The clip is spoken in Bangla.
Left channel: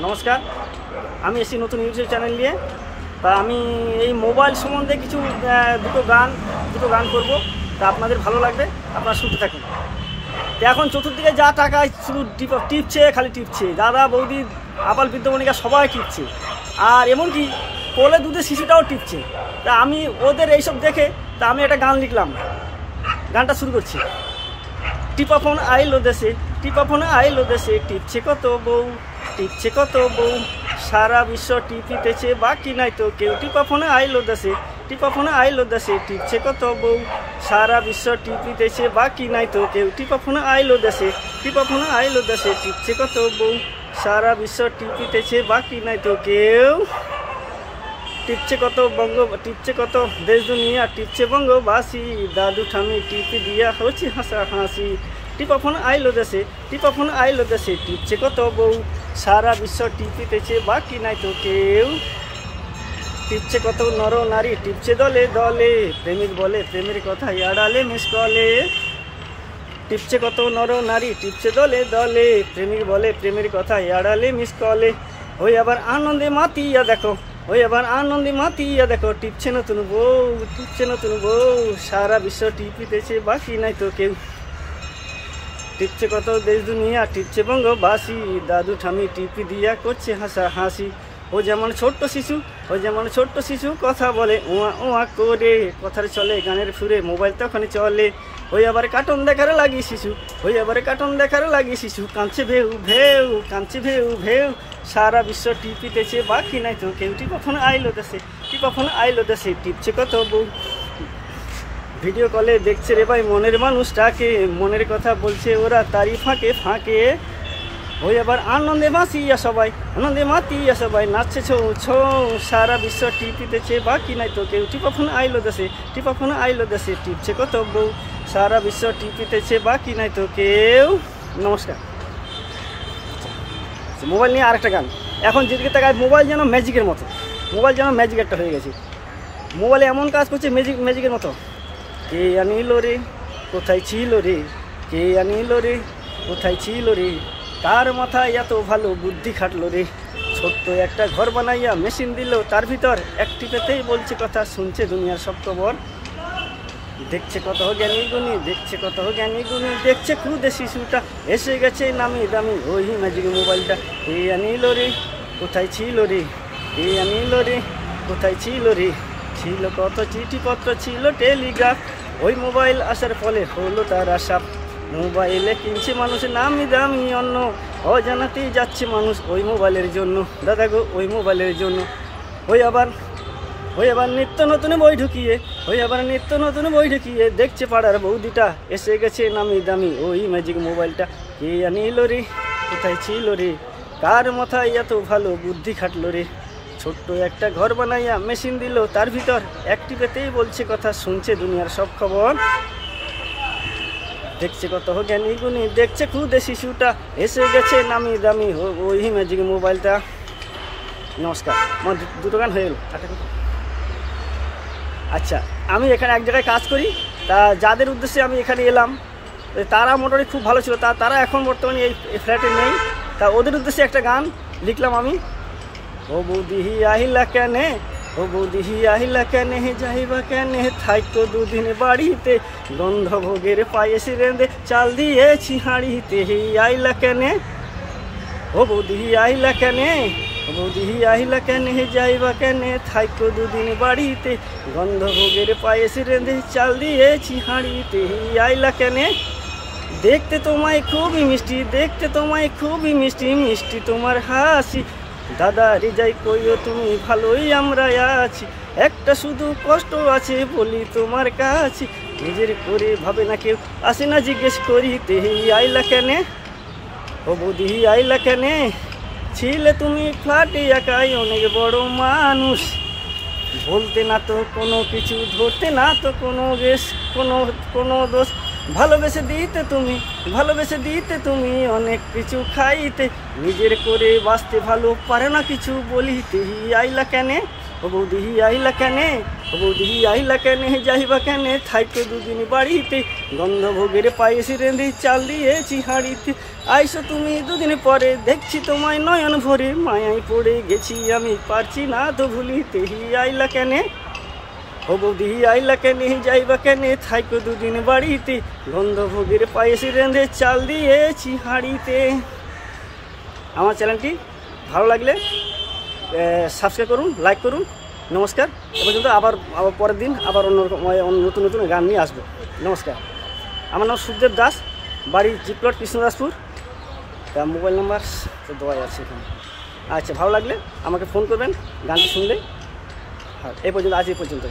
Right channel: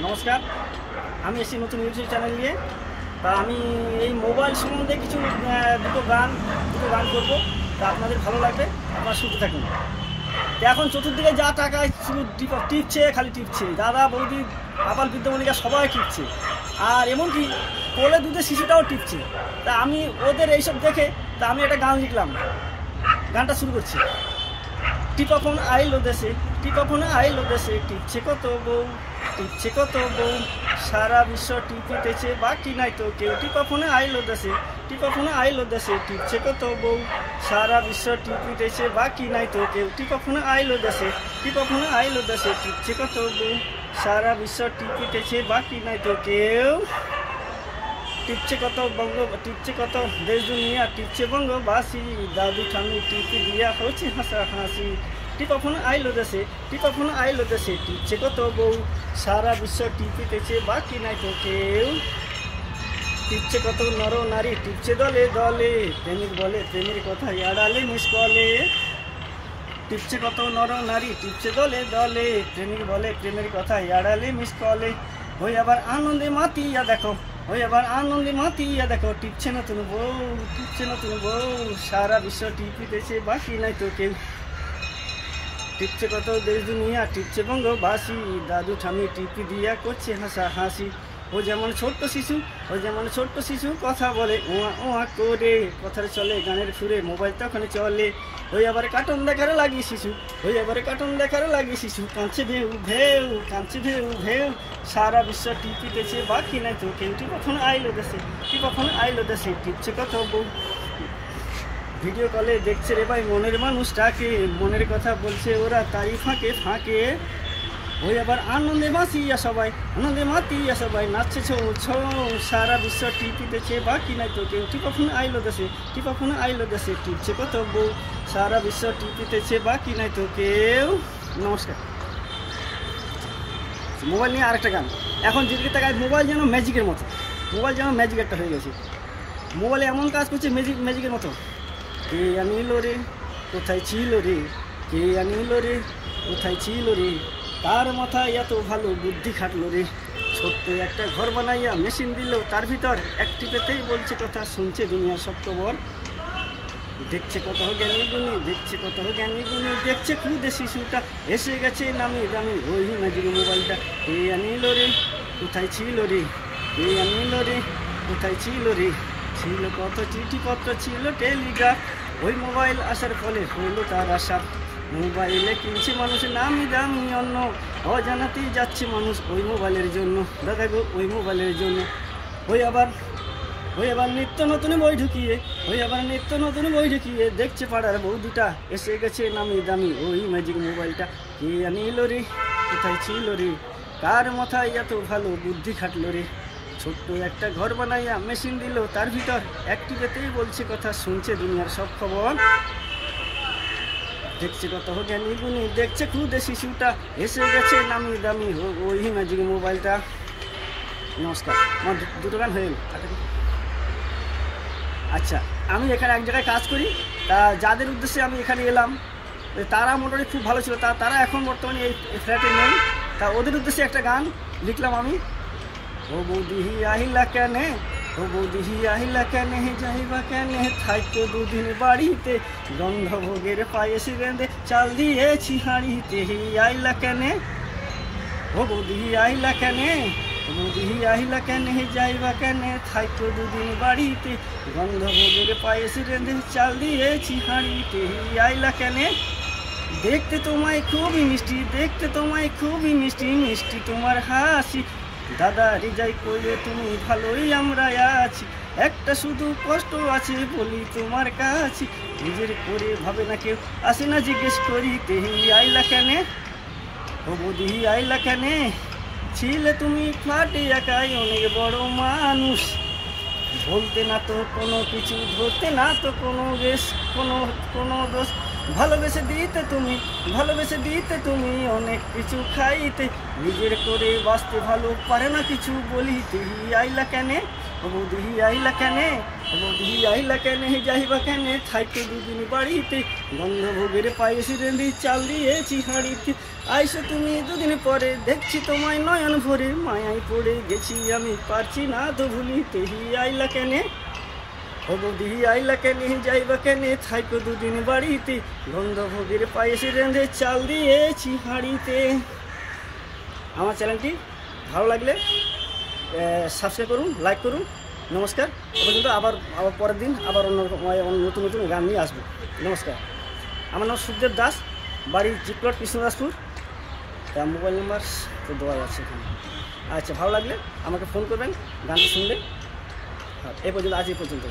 নমস্কার, আমি এসেছি নতুন ইউটিউব চ্যানেল নিয়ে। তা আমি এই মোবাইল সম্বন্ধে কিছু দুটো গান করব। তা আপনাদের ভালো লাগবে, আপনারা শুনতে থাকুন। তো এখন চতুর্দিকে যা টাকায় শুধু টিপছে, খালি টিপছে, দাদা বৌদি আবাল বৃদ্ধবনিকা সবাই টিপছে, আর এমনকি কোলে দুধের শিশুটাও টিপছে। তা আমি ওদের এইসব দেখে তা আমি একটা গান লিখলাম। গানটা শুরু করছি। টিপা ফোন আইলো দেশে, টিপা ফোন আইলো দেশে, টিপছে কত বউ, টিপছে কত বউ, সারা বিশ্ব টিপিতেছে বাকি নাই তো কেউ। টিপা ফোন আইলো দেশে, টিপা ফোন আইলো দেশে, টিপছে কত বউ, সারা বিশ্ব টিপিতেছে বাকি নাই তো কেউ। টিপা ফোন আইলো দেশে, টিপা ফোন আইলো দেশে, টিপছে কত বউ, সারা বিশ্ব টিপিতেছে বাকি নাই তো কেউ। টিপছে কত টিপছে কত দেশ দুনিয়া, টিপছে বঙ্গবাসী, দাদু ঠামি টিপি দিয়া হচ্ছে হাসা হাসি। টিপা ফোন আইলো দেশে, টিপা ফোন আইলো দেশে, টিপছে কত বউ, সারা বিশ্ব টিপিতেছে বাকি নাই তো কেউ। টিপছে কত নর নারী, টিপছে দলে দলে, প্রেমিক বলে প্রেমের কথা আড়ালে মিস কলে। টিপছে কত নর নারী, টিপছে দলে দলে, প্রেমিক বলে প্রেমের কথা আড়ালে মিস কলে। ওই আবার আনন্দে মাতিয়া দেখো, ওই আবার আনন্দে মাতিয়া দেখো, টিপছে নতুন বউ, টিপছে নতুন বউ, সারা বিশ্ব টিপিতেছে বাকি নাই তো কেউ। টিপছে কত দেশ দুনিয়া, টিপছে বঙ্গবাসী, দাদু ঠামি টিপি দিয়া করছে হাসা হাসি। ও যেমন ছোট্ট শিশু, ও যেমন ছোট্ট শিশু কথা বলে ওয়া ওয়া করে, কথার চলে গানের সুরে মোবাইল তখনই চলে। ওই আবার কার্টুন দেখার লাগি শিশু, ওই আবার কার্টুন দেখার লাগি শিশু, কাঁদছে ভেউ ভেউ, কাঁদছে ভেউ ভেউ, সারা বিশ্ব টিপিতেছে বাকি নাই তো কেউ। টিপা ফোন আইলো দেশে, টিপা ফোন আইলো দেশে, টিপছে কত বউ, ভিডিও কলে দেখছে রে ভাই মনের মানুষটাকে, মনের কথা বলছে ওরা তারই ফাঁকে ফাঁকে। ওই আবার আনন্দে মাতিয়া সবাই, আনন্দে মাতিয়া সবাই, নাচছে ছৌ ছৌ, সারা বিশ্ব টিপিতেছে বাকি নাই তো কেউ। টিপা ফোন আইলো দেশে, টিপা ফোন আইলো দেশে, টিপছে কত বউ, সারা বিশ্ব টিপিতেছে বাকি নাই তো কেউ। নমস্কার। মোবাইল নিয়ে আরেকটা গান। এখন যেদিকে তাকায় মোবাইল যেন ম্যাজিকের মতো, মোবাইল যেন ম্যাজিক একটা হয়ে গেছে। মোবাইলে এমন কাজ করছে ম্যাজিকের মতো। কে আনিল রে, কোথায় ছিল রে, কে আনিল রে, কোথায় ছিল রে, তার মাথায় এত ভালো বুদ্ধি খাটলো রে, ছোট্ট একটা ঘর বানাইয়া মেশিন দিল তার ভিতর, একটি পেতেই বলছে কথা শুনছে দুনিয়ার সব খবর। দেখছে কত জ্ঞানী গুণী, দেখছে কত জ্ঞানী গুণী, দেখছে খুদে শিশুটা এসে গেছে নামি দামি ওই ম্যাজিক মোবাইলটা। কে আনিল রে, কোথায় ছিল রে, কে আনিল রে, কোথায় ছিল রে, ছিল কত চিঠিপত্র, ছিল টেলিগ্রাফ, ওই মোবাইল আসার ফলে হলো তার আশা। মোবাইলে কিনছে মানুষ নামি দামি অন্য, অজানাতেই যাচ্ছে মানুষ ওই মোবাইলের জন্য, দাদা গো ওই মোবাইলের জন্য। ওই আবার নিত্য নতুন বই ঢুকিয়ে, ওই আবার নিত্য নতুন বই ঢুকিয়ে, দেখছে পাড়ার বৌদিটা এসে গেছে নামি দামি ওই ম্যাজিক মোবাইলটা। কে আনিল রে, কোথায় ছিল রে, কার মাথায় এত ভালো বুদ্ধি খাটলো রে, ছোট্ট একটা ঘর বানাইয়া মেশিন দিল তার ভিতর, একটি পেতেই বলছে কথা শুনছে দুনিয়ার সব খবর। দেখছে কত জ্ঞানী গুণী, দেখছে খুদে শিশুটা এসে গেছে নামি দামি ওই ম্যাজিক মোবাইলটা। নমস্কার। আমার দুটো গান হয়ে গেল। আচ্ছা, আমি এখানে এক জায়গায় কাজ করি, তা যাদের উদ্দেশ্যে আমি এখানে এলাম তারা মোটামুটি খুব ভালো ছিল, তারা এখন বর্তমানে এই ফ্ল্যাটে নেই। তা ওদের উদ্দেশ্যে একটা গান লিখলাম আমি। ও বৌদি আহিলা কেনে, ও বৌদি আহিলা কেনে, যাইবা কেনে, থাইকো দুদিন বাড়িতে, গন্ধ ভোগের পায়েস রেঁধে চাল দিয়েছি হাঁড়িতে, আইলা কেনে, ও বৌদি আহিলা কেনে, ও বৌদি আহিলা কেনে, যাইবা কেনে, থাইকো দুদিন বাড়িতে, গন্ধ ভোগের পায়েস রেঁধে চাল দিয়েছি হাঁড়িতে, আইলা কেনে। দেখতে তোমায় খুবই মিষ্টি, দেখতে তোমায় খুবই মিষ্টি, মিষ্টি তোমার হাসি, দাদা রে যাই কইও তুমি ভালোই আমরা আছি, একটা শুধু কষ্ট আছে বলি তোমার কাছে, নিজের করে ভাবে না কেউ, আসে না জিজ্ঞেস করিতে, আইলা কেনে, ও বৌদি আইলা কেনে, ছিলে তুমি ফ্ল্যাটে একাই অনেক বড় মানুষ, বলতে না তো কোনো কিছু, ধরতে না তো কোনো গেস, কোনো দোষ, ভালোবেসে দিতে তুমি অনেক কিছু খাইতে, নিজের করে বাঁচতে ভালো পারে না কিছু বলিতে, আইলা কেনে, ও বৌদি আইলা কেনে, বৌদি আইলা কেনে যাইবা কেনে থাইকো দুদিন বাড়িতে, গন্ধ ভোগের পায়েস রেঁধে চাল দিয়েছি হাঁড়িতে। আইসো তুমি দুদিন পরে, দেখছি তোমায় নয়ন ভরে, মায়ায় পড়ে গেছি আমি পারছি না তো ভুলিতে। আইলা কেনে ও বৌদি আইলা কেনে যাইবা কেনে থাইকো দুদিন বাড়িতে, গন্ধ ভোগের পায়েস রেঁধে চাল দিয়েছি হাঁড়িতে। আমার চ্যানেলটি ভালো লাগলে সাবস্ক্রাইব করুন, লাইক করুন। নমস্কার। এ পর্যন্ত আবার পরের দিন আবার অন্য নতুন নতুন গান নিয়ে আসবো। নমস্কার। আমার নাম সুখদেব দাস, বাড়ি জিপ্লট কৃষ্ণদাসপুর। তা মোবাইল নাম্বার তো দেওয়াই আছে এখানে। আচ্ছা, ভালো লাগলে আমাকে ফোন করবেন গানটি শুনলে। হ্যাঁ, এই পর্যন্ত, আজ এই পর্যন্ত।